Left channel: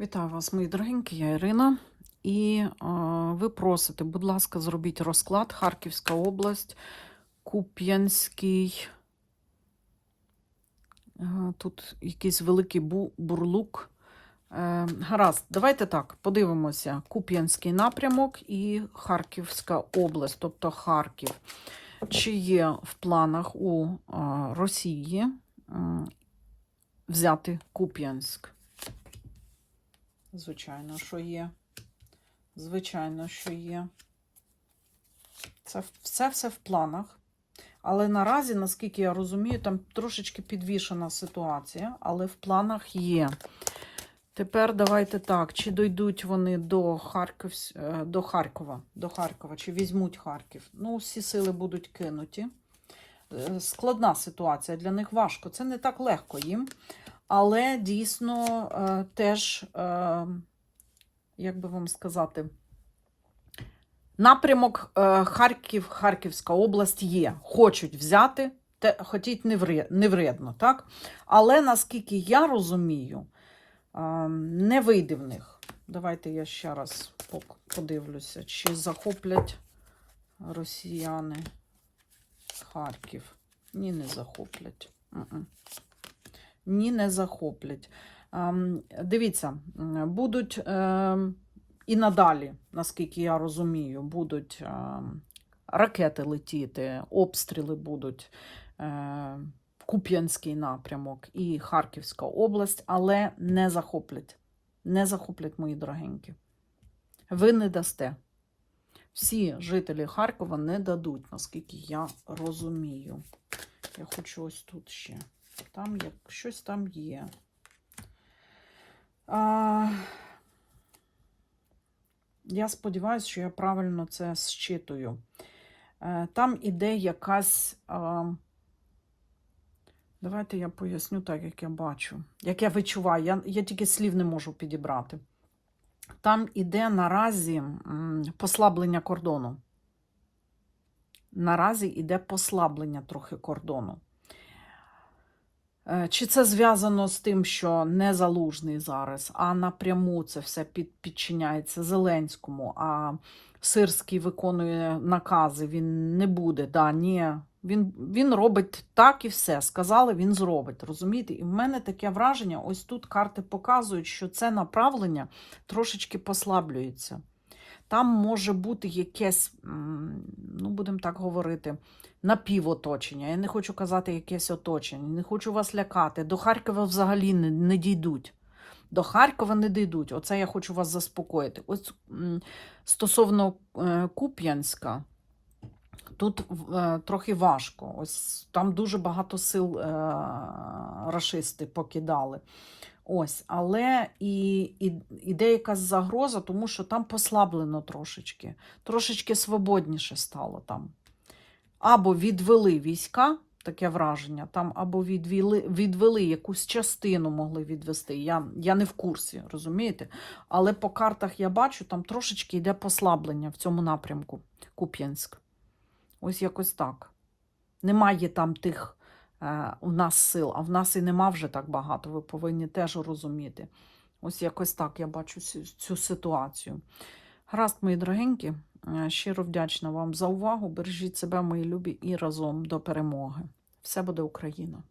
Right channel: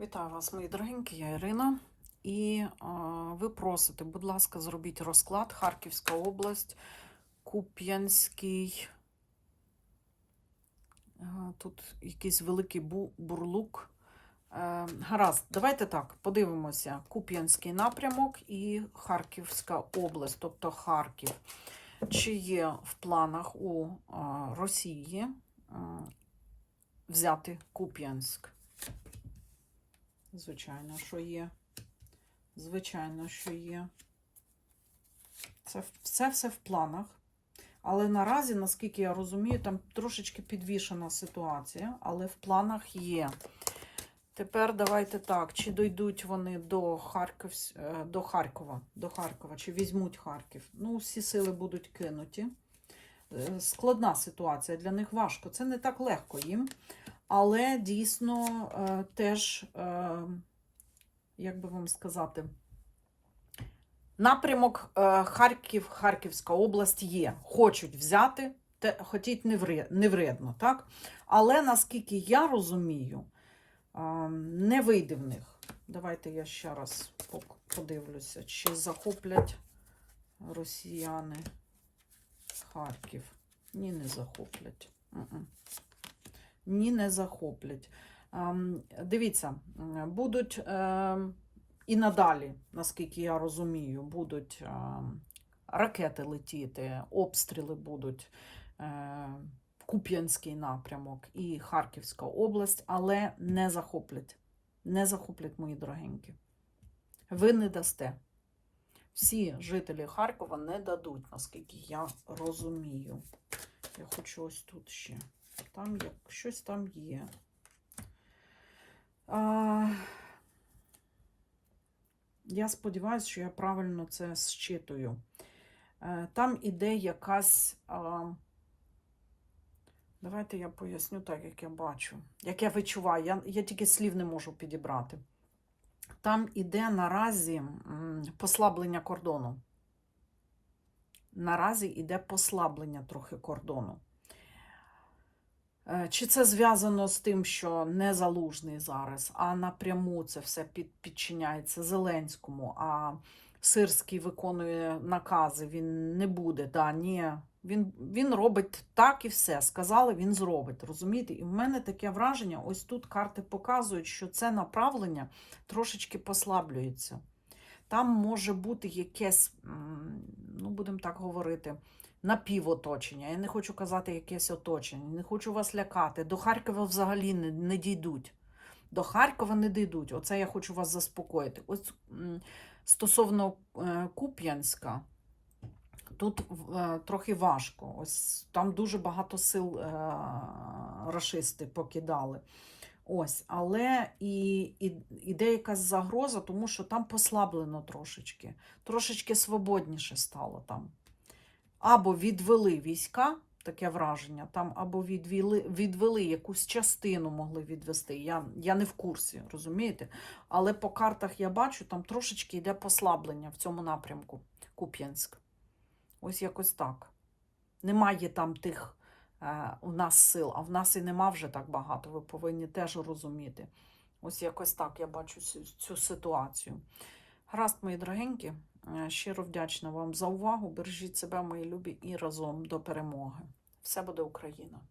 Вітаю вас, мої дорогенькі, я Ірина. І е, ви просите, будь ласка, зробіть розклад Харківська область, Куп'янський. Е, тут якийсь великий бу- бурлук. Е, гаразд, давайте так, подивимося. Куп'янський напрямок і Харківська область, тобто Харків. Чи є в планах у е, Росії м, взяти Куп'янськ? Звичайно, що є. Звичайно, що є. Це все все в планах. Але наразі, наскільки я розумію, там трошечки підвішена ситуація, але в планах є. Тепер давайте так, чи дойдуть вони до, Харківсь... е, до Харкова, до Харкова, чи візьмуть Харків. Ну, всі сили будуть кинуті. Е, Складна ситуація, для них важко. Це не так легко їм. Але дійсно е, теж, е, як би вам сказати, напрямок е, Харків, Харківська область є. Хочуть взяти, те, хотіть не, вредно, так? Але наскільки я розумію, не вийде в них. Давайте я ще раз подивлюся, чи захоплять росіяни Харків. Ні, не захоплять. Ні, не захоплять. Ем, Дивіться, будуть ем, і надалі, наскільки я розумію, будуть ем, ракети летіти, обстріли будуть е, Куп'янський напрямок і Харківська область, але не захоплять. Не захоплять, мої дорогенькі. Ви не дасте. Всі жителі Харкова не дадуть, наскільки я розумію. Я хочу ось тут ще. Там є, щось там є. А, я сподіваюся, що я правильно це зчитую. Е, Там іде якась. А, давайте я поясню так, як я бачу, як я відчуваю. Я, я тільки слів не можу підібрати. Там іде наразі послаблення кордону. Наразі іде послаблення трохи кордону. Е, Чи це зв'язано з тим, що не залужний зараз, а напряму це все під, підчиняється Зеленському, а Сирський виконує накази, він не буде. Да, ні. Він, він робить так і все. Сказали, він зробить. Розумієте? І в мене таке враження: ось тут карти показують, що це направлення трошечки послаблюється. Там може бути якесь, ну будемо так говорити, напівоточення. Я не хочу казати якесь оточення, не хочу вас лякати. До Харкова взагалі не, не дійдуть. До Харкова не дійдуть. Оце я хочу вас заспокоїти. Ось стосовно е, Куп'янська, тут е, трохи важко. Ось там дуже багато сил е, рашисти покидали. Ось, але і, і іде якась загроза, тому що там послаблено трошечки, трошечки свободніше стало там. Або відвели війська, таке враження, там, або відвели, відвели якусь частину могли відвести. Я, я не в курсі, розумієте? Але по картах я бачу, там трошечки йде послаблення в цьому напрямку Куп'янськ. Ось якось так. Немає там тих у нас сил, а в нас і нема вже так багато. Ви повинні теж розуміти. Ось якось так я бачу цю, цю ситуацію. Гаразд, мої дорогенькі, е, щиро вдячна вам за увагу. Бережіть себе, мої любі, і разом до перемоги. Все буде Україна!